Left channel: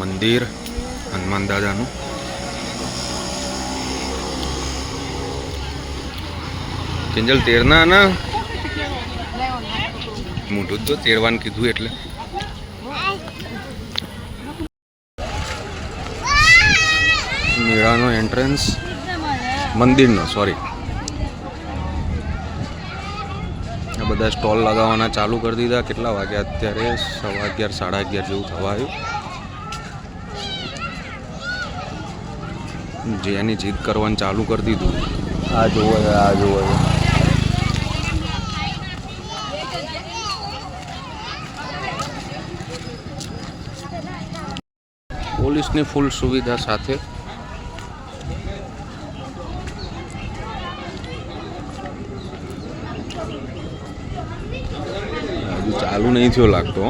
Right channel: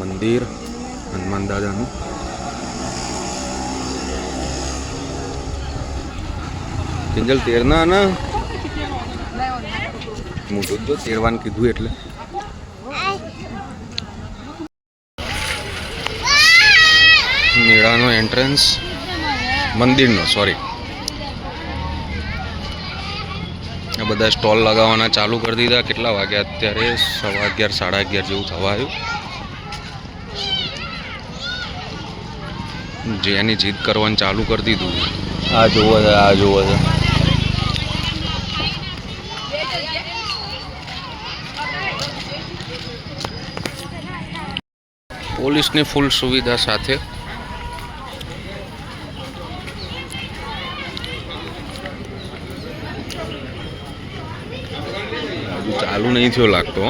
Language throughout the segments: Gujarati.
મંદિર હનુમાન દાદાનું. કિંજલ તેરના ના મોઢું તો તેરવાનું કીધું એટલે. મેળાનો એન્ટ્રન્સ, મંદિરનો સોરી. આ બધા સ્ટોલ લગાવવાના ચાલુ કરી દીધા. કેટલા વાગ્યા અત્યારે? 11:15 11:30 જેવું થવા આવ્યું. જેની જીદ કરવાનું ચાલુ કરી દીધું. આ જોવો છે, આ જોવો છે. પોલીસની ફૂલ સુવિધા સાથે હજુ ચાલુ નહીં થયો લાગતો.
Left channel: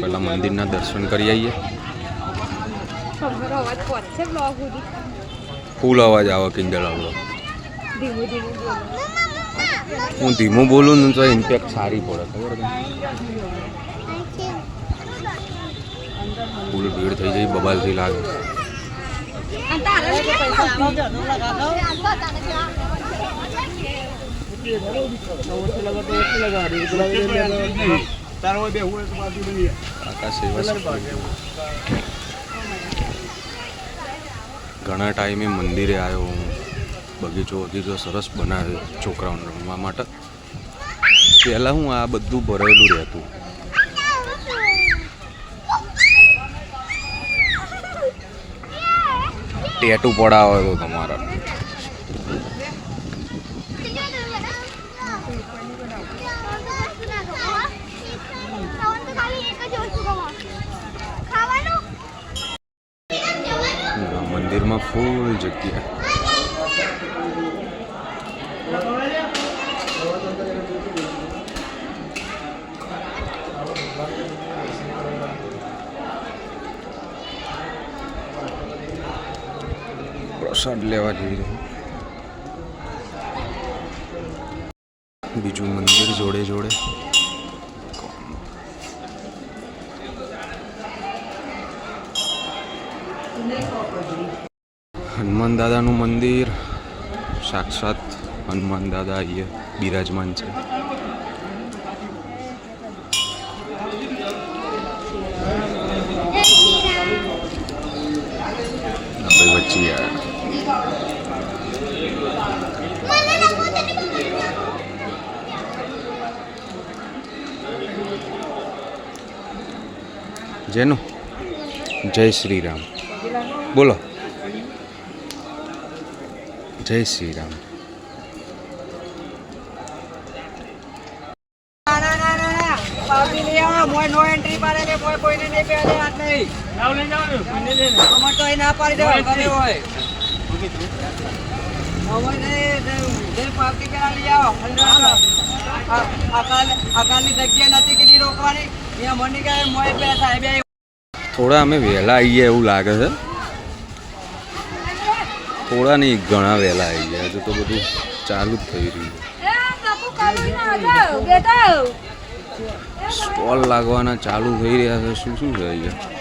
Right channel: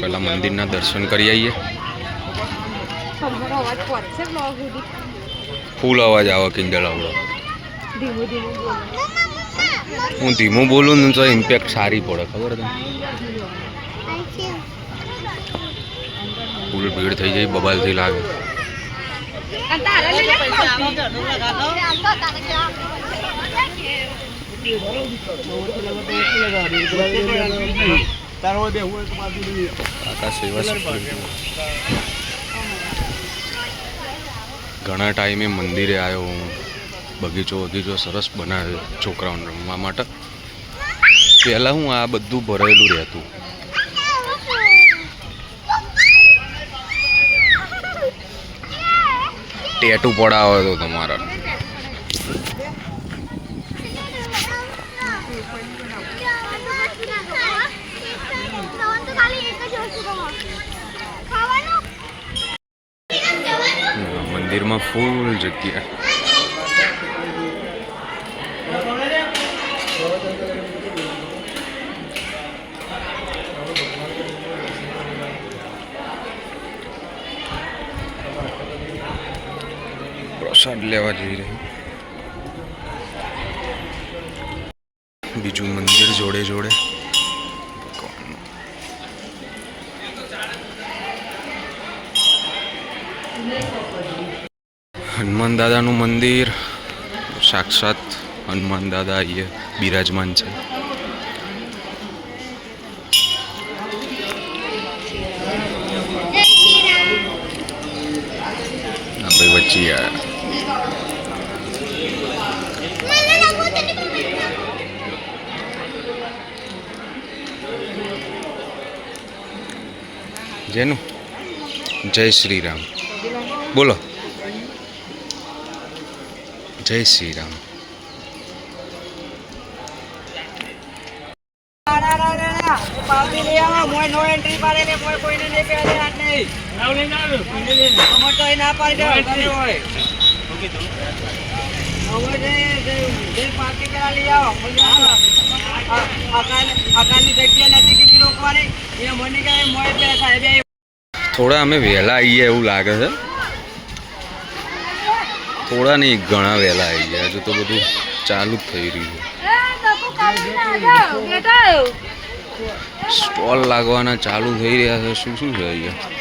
પહેલા મંદિરના દર્શન કરી આવીએ. ફૂલ અવાજ આવે કિંજલ આપણો. હું ધીમું બોલું ને તો ઇમ્પેક્ટ સારી પડે, ખબર છે? ફૂલ ભીડ થઈ જાય, બબાલથી લાગે. ઘણા ટાઈમે મંદિરે આવ્યો હું. બગીચો સરસ બનાવ્યો છોકરાઓને રમવા માટે. પહેલાં હું આ બધું ભરેલું રહેતું. ટેટુ પડાવે તો તમારા. મંદિરમાં ફૂલ જગ્યા. પ્રસાદ લેવા જઈ રહી. બીજું મંદિર જોડે જોડે. હનુમાન દાદાનું મંદિર. સાક્ષાત હનુમાન દાદા અહીંયા બિરાજમાન છે. આપણે વચ્ચે આવ્યા. જેનું જય શ્રી રામ બોલો. જય શ્રી રામ. થોડા અમે વહેલા આવીએ એવું લાગે છે. થોડા નહીં, ઘણા વહેલા આવી ગયા. હજુ તો બધું ચાલુ જ થઈ રહ્યું છે. સ્ટોલ લાગવાના ચાલુ થઈ રહ્યા છે. શું શું છે અહીંયા?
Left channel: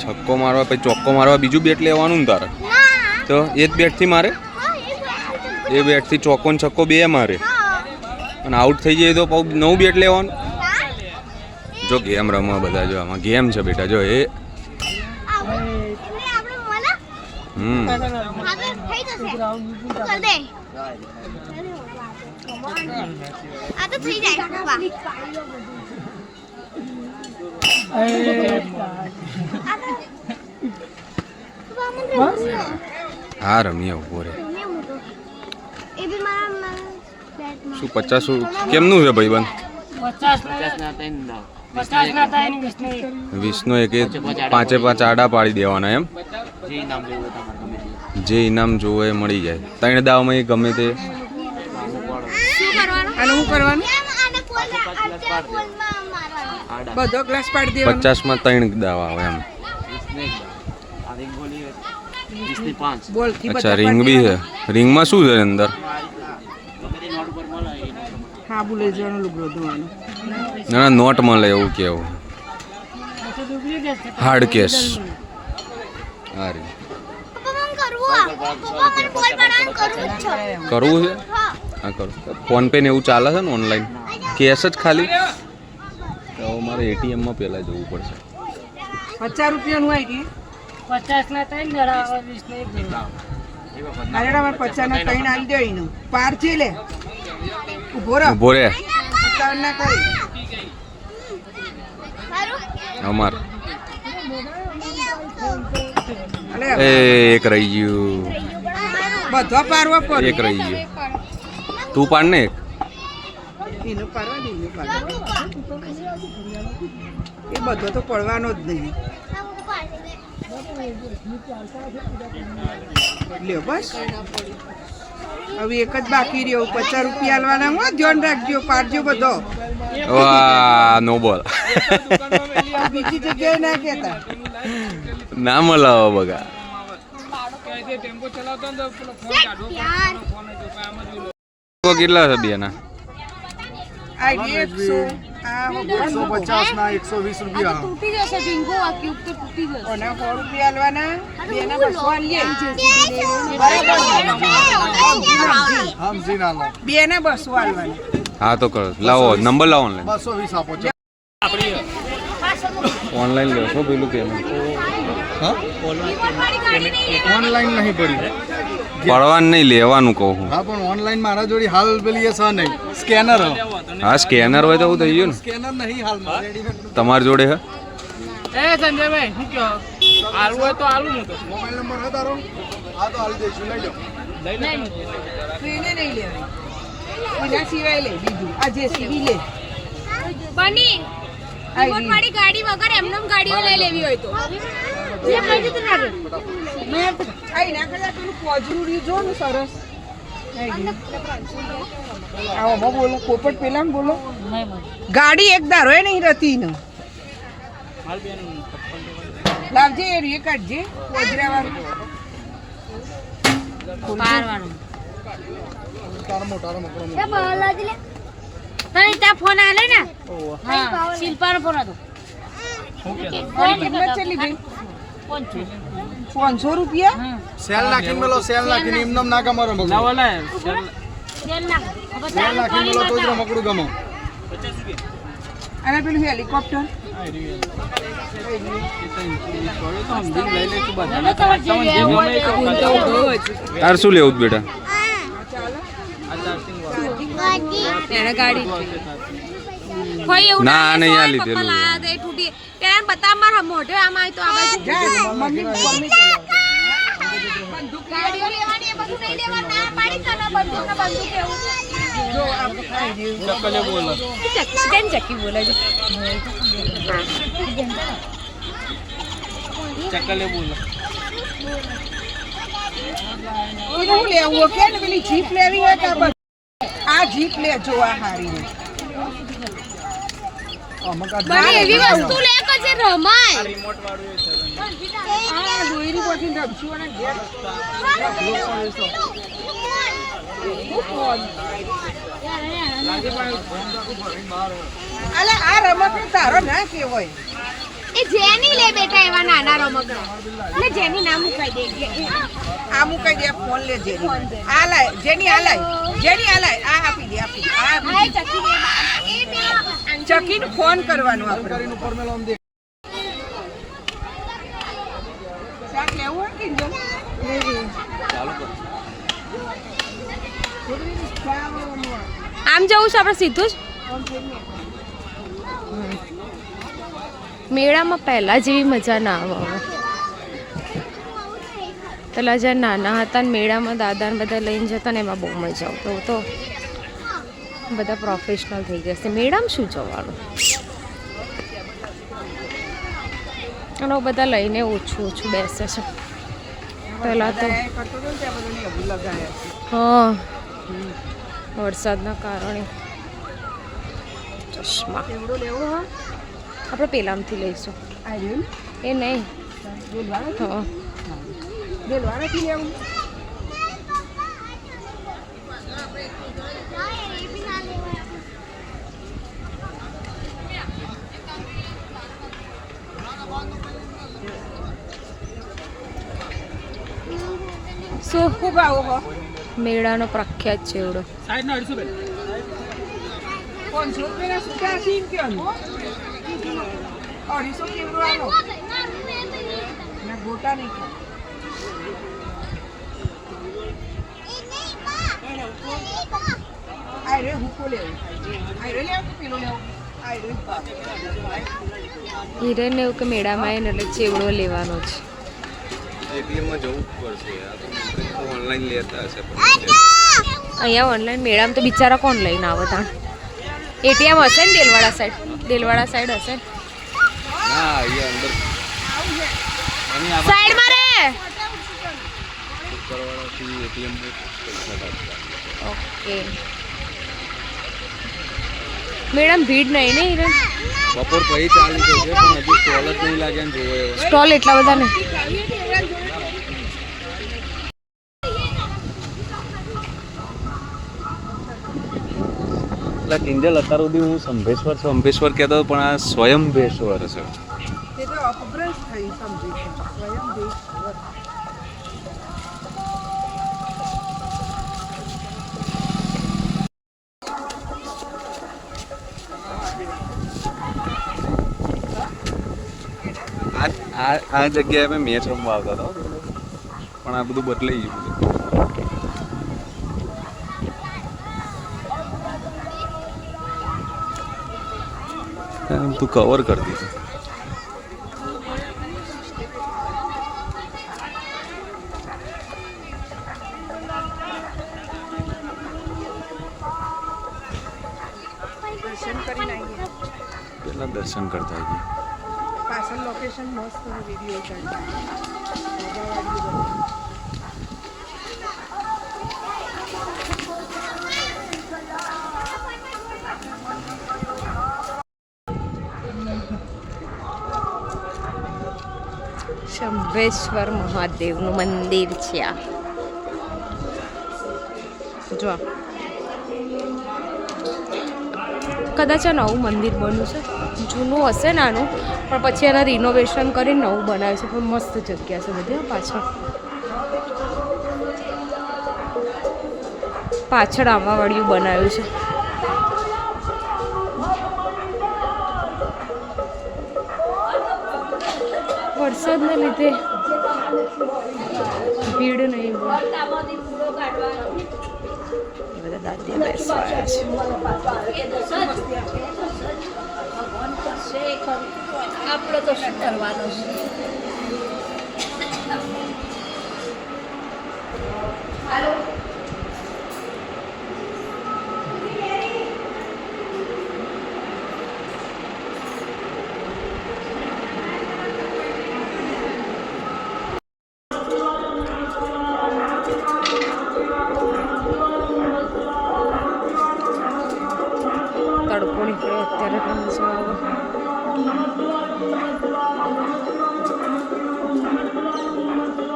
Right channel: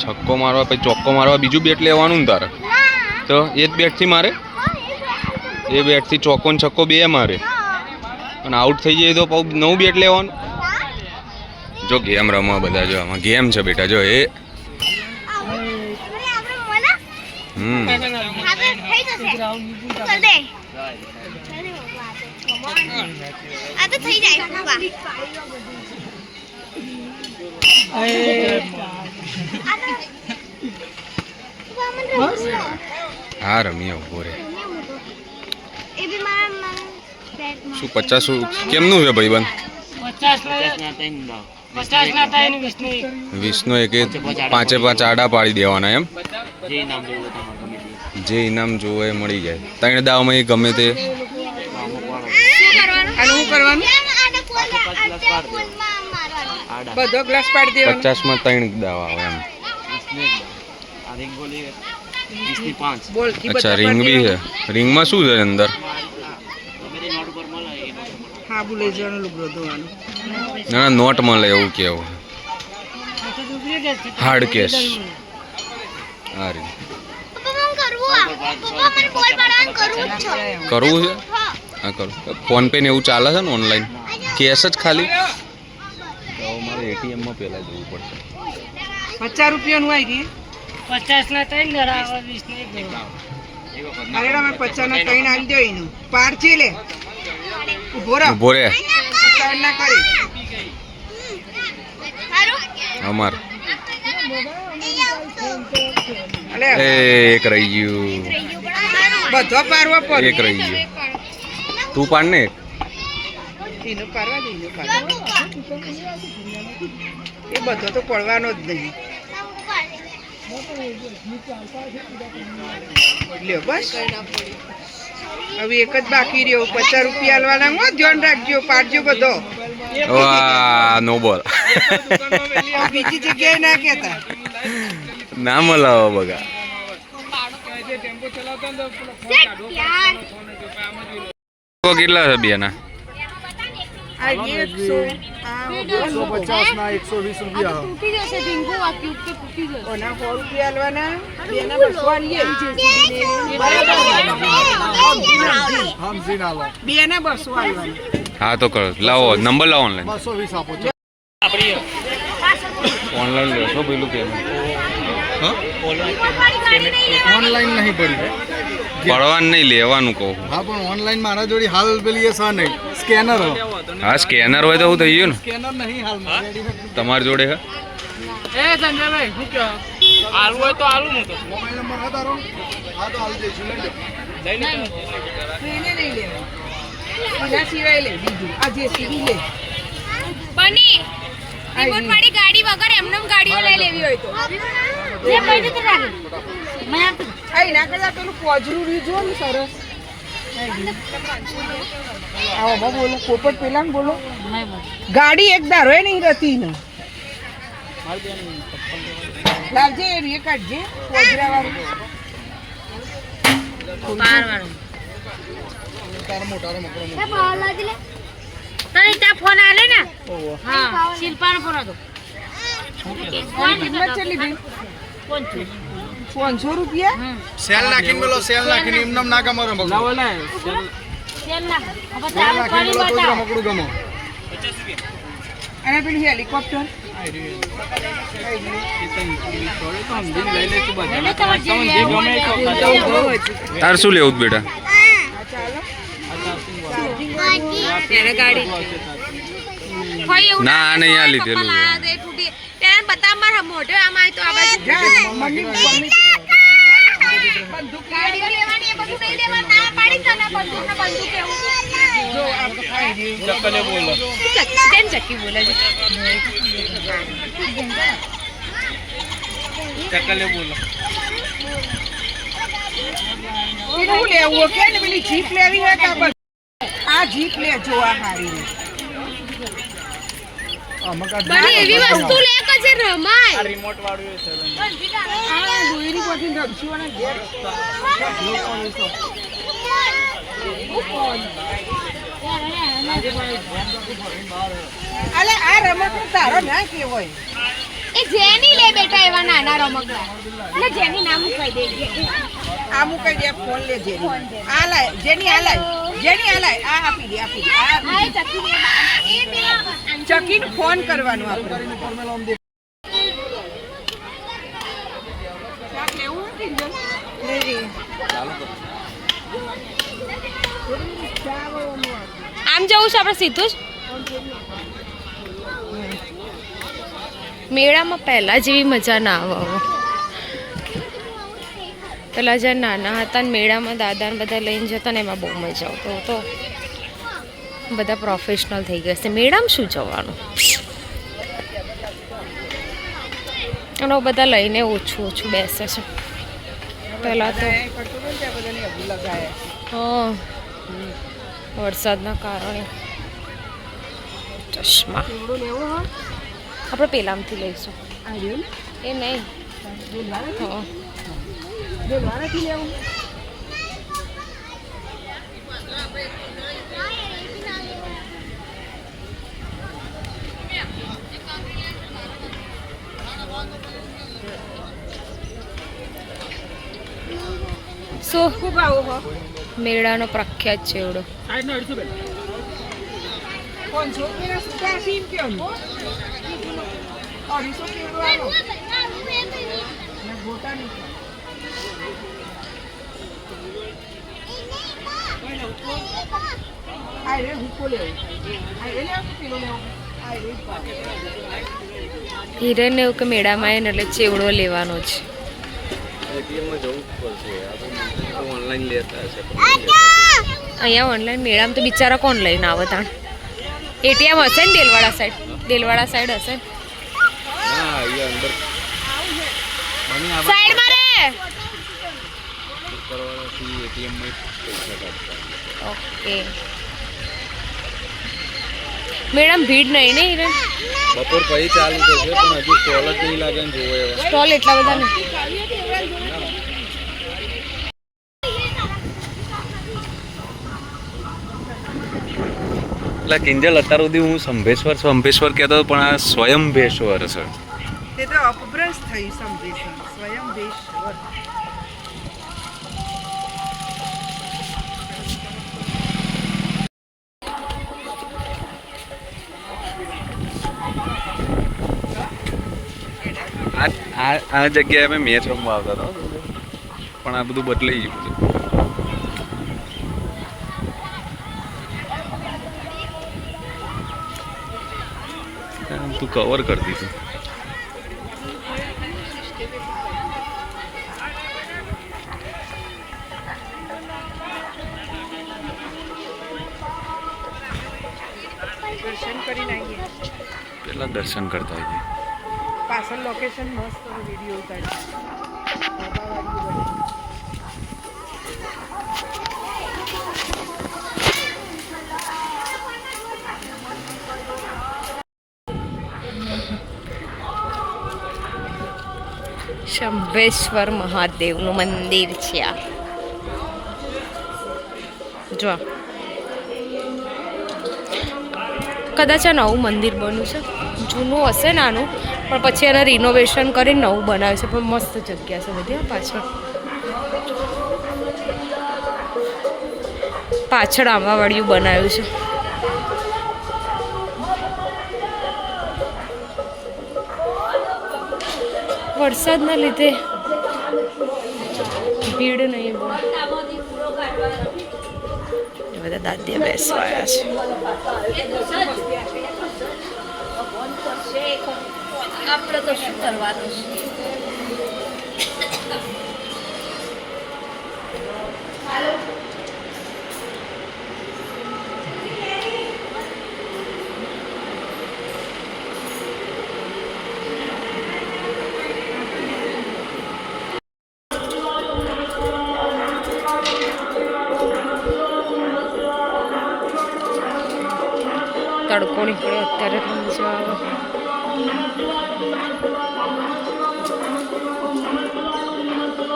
છક્કો મારવા પછી ચોક્કો મારવા બીજું બેટ લેવાનું ને તારે? તો એ જ બેટથી મારે? એ બેટથી ચોક્કો ને છક્કો બે મારે. અને આઉટ થઈ જાય તો નવું બેટ લેવાનું. જો ગેમ રમવા બધા. જો આમાં ગેમ છે બેટા. જો એ હા રમીએ ઉભો રે. શું 50 કેમનું છે ભાઈબંધ? 20 નો એક 5 આડા પાડી દેવાના એમ. જે ઇનામ જોવે એ મળી જાય. 3 દાવમાં એ ગમે તે. બધો ગ્લાસ પાડી દેવાનો 50 માં 3 દાવા આવે એમ. બોલ અચ્છા રિંગ બી છે. રિંગમાં શું છે અંદર? હા બોલે જવાનું લુગડો ધોવાનું ના ના નોટ મળે એવું કેવું. હાર્ડ કેસ હા રે કરવું છે. હા કરું. ફોન પે ને એવું ચાલે છે ને ઓનલાઈન? કેશ જ ખાલી? તો મારે એટીએમ માં પહેલા જવું પડશે. 50 રૂપિયાનું આવી ગઈ 50 ના 3 ધરાવે 20 ના 1 અરે મને 50 ના 3 આવી જાય એનું પાર છે લે ઉભો રહો ઉભો રે ત્રણ ના કરી અમાર અલે એક રહી ગયું. બધો પારવા પર એક રહી ગયું. તું પાડ ને એક. એનો પારવા દે એનો પારવા એ બધો તો પડવાનો જ નહીં લ્યો બસ હવે એક જ બાકી રહ્યો 50 રૂપિયા આલવાના હું ધ્યાન રાખજો પાડજો બધો વાહ નો બોલ. બીજી જગ્યાએ ના કહેતા ના મળાવો બગા. કેટલા છે બેના? આ 100 આ 150 ના 120 રૂપિયા તૂટી જશે ઢીંગો આ ક્યુબ કે તૂટી જશે ઓના 100 રૂપિયા આલવાના બેના 200 આલીએ હમ જી ના લો બેના 200 આલવાના હા તો કરો. લાવો નંબર લાવો ઓનલાઈન. 220 આપો છો ઓનલાઈન લેશો પેલું કે ઓનલાઈન નહીં ભરી પડવાનું નહીં લેવાનું કહું છું. હા પણ ઓનલાઈન મારા જોડે હાલ પેલી એ સા નહીં સ્કેનર હા સ્કેનર હોય તો એવું થઈ ગયું ને. સ્કેનર નહીં હાલમાં તમારી જોડે હે? એ સંજયભાઈ શું કહો આલુ હોય તો આલુ ને તો મોબાઈલ નંબર હા તારો હા તો હાલ દઈશું લઈ લો એને નહીં લેવાય એના સિવાય લે બીજું આ જેસીબી લે બની રિમોટ વાળી ગાડી વગર એમને ગાડીઓ લઈ લેવી હોય તો એ કઈ રીતે લાગે મેં આ આ ના કરતા પેલું પોજરું રહ્યું જો ને સરસ આવો માં બોલો પોપટ પેલા ને બોલો ગાડી એક દારો એ નહીં રહેતી ને લાવજે એ રે કાઢજે પોજરા વાળું તાર મોટા મકરો એ બાલાજી લે તઈ ત્યાં ફોન આલે ને હા શિલ્પાનો ફોન હતો આની કિંમત કેટલી બેન 500 રૂપિયા સેલ નાખીને બોલો સેલ નાખીને એમને ના ગમો રમો સેલ ના હવે સેલ નાખીને બોલો તો જ રમકડું ગમો અને પેલું હેલિકોપ્ટર તાર શું લેવું છે બેટા? એને ગાડી કોઈ એવું ના આ નહીં આ લીધેલું છે. દે તૂટી તેમ બતા મારા મોઢે આમ આય તો આ બાજુ જા મમ્મી મમ્મી બંદૂક ગાડીઓ લેવાની એ બધું નહીં લેવાનું ના પાડી તને બંદૂક ને બંદૂક એવું જો આ ખાઈ રહ્યું ચક્કલે બોલો કેમ ચકી બોલે છે ચક્કલે બોલો શું લેવું કે ને પેલી જીપ લેવી હોય તો આ જીપ લે જો આ હારી રે બની એવી વસ્તુ લે કે જે રમાય આ દોરી પછી રમશું અને ઘેર અલે આ રમત તારો ના કેવાય એ જેની લે બેટા એવા નાના રમકડા એટલે જેની નામ કહી દેજે આ મુકાઈ દે ફોન લે જેની આ લાય જેની આ લાય જેની આ લાય આ આપી દે આપી દે આ હા એ ચકી લે એ પેલા ચકીને ફોન કરવાનો આપણે ઉપર મેલો આમ દેખ શાક લેવું હોય કે આમ જવું છે આપણે સીધું જ મેળામાં પહેલાં જેવી મજા ના આવે હવે પહેલાં જ્યારે નાના હતા ને મેળામાં દાદાને બધા લઈને જતા ને એમાં બહુ મજા આવતો તો બધા પ્રોફેશનલ થઈ ગયા છે મેળામાં શું જવાનું અને બધા લઈને ઓછું ઓછું બેસે છે પહેલાં તો હા વરસાદના કારણે ચશ્મા આપણે પેલામથી લઈશું એ નહીં હા ડોલવાળાથી લેવું શું ખૂબ આવો હો મેળાનો પ્રખ્યાત છે એવડો 500 રૂપિયાના સૂટા આપી એમ કહેવાનું 250 કેવડો આલો ના ગોટા નહીં ખાવ આયરે હુકો લેવો આયરે લેવો કે પેલો લેવો આયરે જ ભાવ હિરેન એવું કે મેળામાં આવે ને એટલે ચેવડો લેવાનો છે એટીએમમાં જવું પડશે ઓનલાઈન લેતા હશે અહીંયા ઓનલાઈન મેળામાં તો બિચારા કોણ લઈને આવે તાણ એટીએમ હશે ને દેલવાડા સાઈડ હશે ને ના અહીંયા અંદર સાઈડમાં રે કરવાથી એટીએમમાં પૈસા કાઢતા ઓકે મેડમ ભીડ નહીં ને હિરેન બપોર પછી ચાલુ થશે પણ હજુ સ્ટોલ જ નહીં લાગે ને જોવો એવા સ્ટોલ એટલા બધા ને એટલે કિંજલ અત્યાર સુધી હું સંભેશ્વર કહેતો હતો પણ આ સ્વયંભેશ્વર છે તે તો અપભ્રંશ થઈ સમજે છે સ્વયંભેશ્વર આ જગ્યાએ અમે મેચ રમવા આવતા હતા પણ આ બધું બદલાઈ ગયું બધું તું કવર કરી દીધું દર્શન કરીને આવીએ પેલા દર્શન કરતા આવીએ પાછળ લોકેશન મસ્ત વિડીયો કાઢી શંભેશ્વર મહાદેવનું મંદિર છે આ જો કદાચ આ નવું મંદિર બન્યું છે જૂનું હશે નાનું પણ પછી એને રિનોવેશન કરીને નવું બનાવ્યું છે પણ મસ્ત જગ્યા છે બધી પાછળ પાછળ આંબાવાડિયું બનાવ્યું છે વરસાદના લીધે ભીડ નહીં બહુ બધા દાદીયા બેસવાયા છે આપણે તો શું કરવાનું તડકો નીકળ્યો અત્યારે એટલે મજા આવે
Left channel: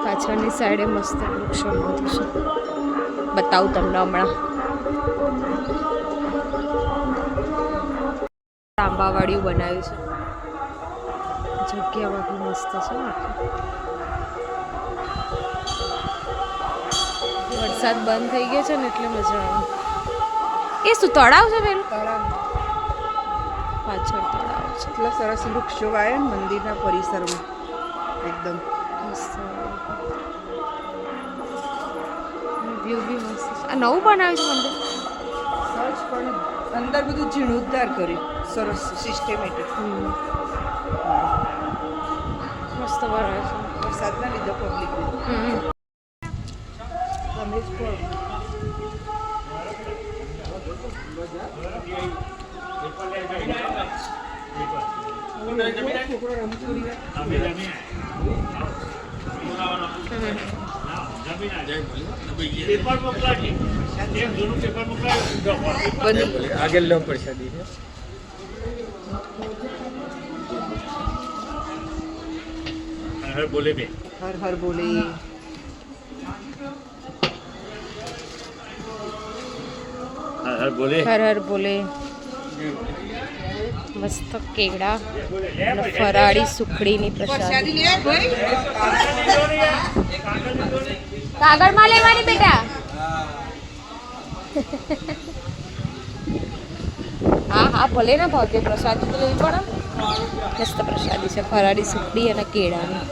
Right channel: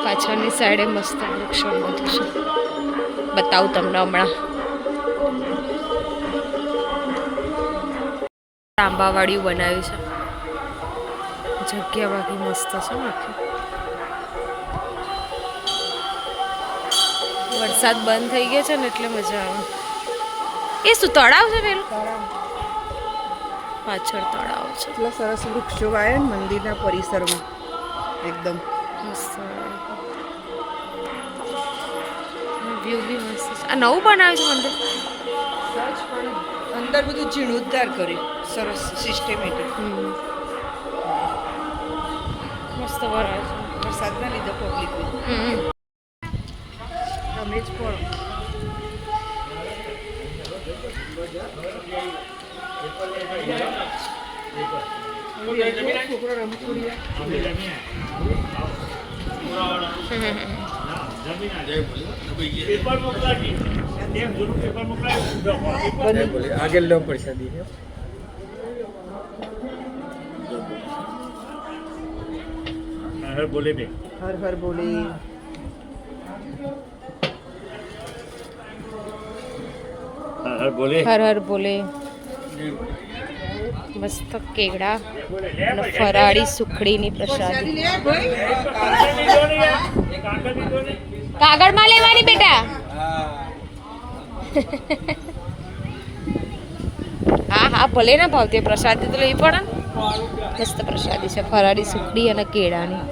પાછળની સાઈડે મસ્ત વૃક્ષો બધું છે બતાવું તમને હમણાં આંબાવાડિયું બનાવ્યું છે જગ્યા બાકી મસ્ત છે આખી વરસાદ બંધ થઈ ગયો છે ને એટલે મજા આવે એ શું તળાવ છે પેલું તળાવ પાછળ તળાવ છે એટલા સરસ વૃક્ષો વાયા ને મંદિરના પરિસરમાં એકદમ મસ્ત વ્યૂ બી મસ્ત છે આ નવું બનાવ્યું છે મંદિર અંદર બધું જીર્ણોદ્ધાર કર્યું સરસ સિસ્ટેમેટિક મસ્ત બનાવ્યું છે વરસાદના લીધે પબ્લિક તમે જ પણ છોકરો હર હર બોલે. હર હર બોલે. મસ્ત કેળા અને ફરાળી સુખડીની પ્રસાદી. પ્રસાદી લે ભાઈ. કાગળમાં લેવાની બેટા. હા હા ભલે ને ભાવતી પ્રસાદી તો લેવી પડે ને. મસ્ત પ્રસાદી છે ફરાળી સુખડી અને કેળાની.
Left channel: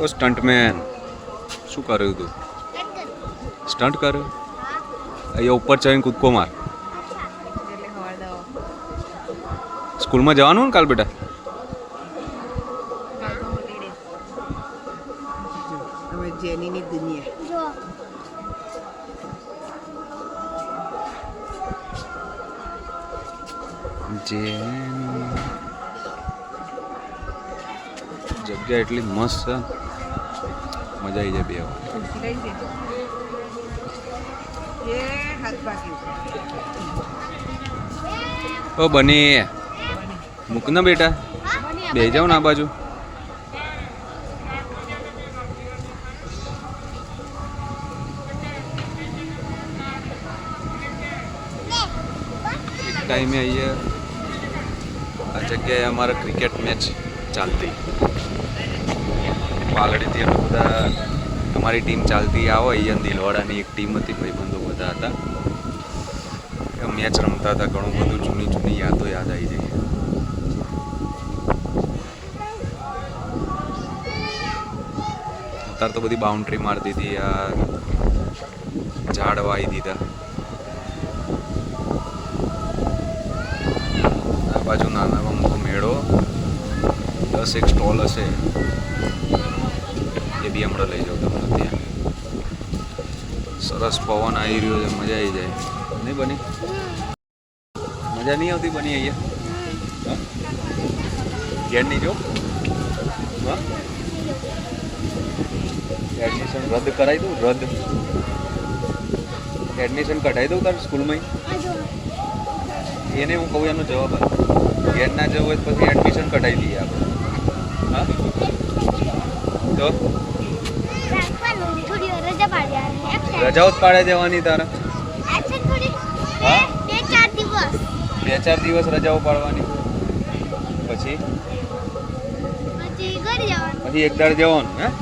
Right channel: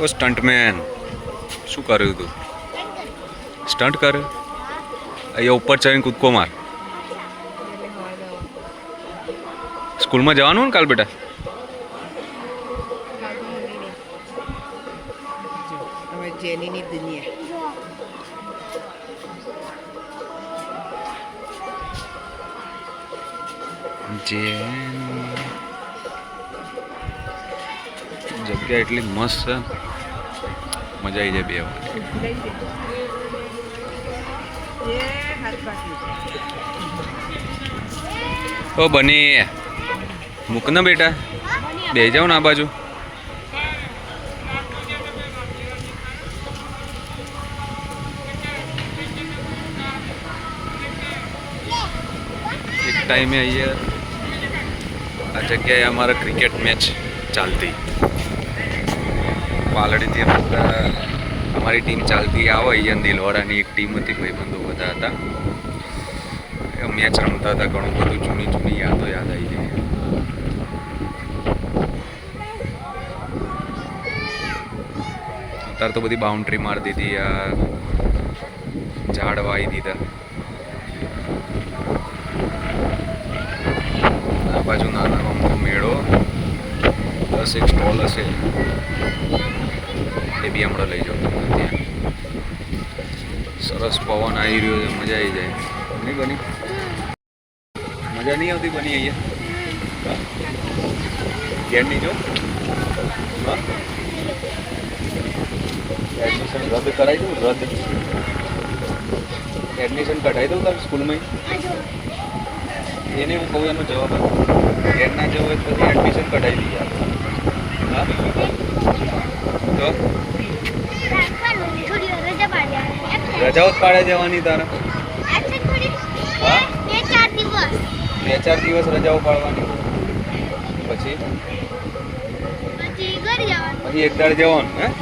ઓ સ્ટન્ટમેન શું કર્યું તું? સ્ટન્ટ કર્યું? અહીંયા ઉપર ચડીને કૂદકો માર. સ્કૂલમાં જવાનું ને કાલ બેટા? હવે જેનીની દુનિયા. જગ્યા એટલી મસ્ત છે, મજા આવી જાય બે વાર. એ હાથ બાકી. ઓ બની મૂક ને બેટા, બે જાઓ ને આ બાજુ. એક ટાઈમે અહીંયા આ જગ્યાએ અમારા ક્રિકેટ મેચ ચાલતી. પાલડીથી બધા અમારી ટીમ ચાલતી આવે અહીંયા દિલવાડાની એક ટીમ હતી, ભાઈબંધો બધા હતા. મેચ રમતા હતા, ઘણું બધું જૂની જૂની યાદો યાદ આવી જાય. અત્યારે તો બધી બાઉન્ડ્રી મારી દીધી, આ ઝાડ વાવી દીધા. આ બાજુ નાનામાં મોટો મેળો, 10 એક સ્ટોલ હશે, એ બી હમણાં લઈ જાઉં તમને ત્યાં. સરસ પવન આવી રહ્યો છે, મજા આવી જાય નહીં બની? મજા નહીં આવતી બની અહીંયા? ઘેર નહીં જો? એડમિશન રદ કરાવી દઉં? રદ એડમિશન કઢાવી દઉં તારે સ્કૂલમાં? એને હું કહું, એનો જવાબ આપો. ઘેર ના જવું હોય તો પછી એડમિશન કઢાવી દઈએ આપણે. હા તો રજાઓ જ પાડે જવાની તારા? હા 2-4 દિવસ રજાઓ પાડવાની, પછી એક દાડે જવાનું. હા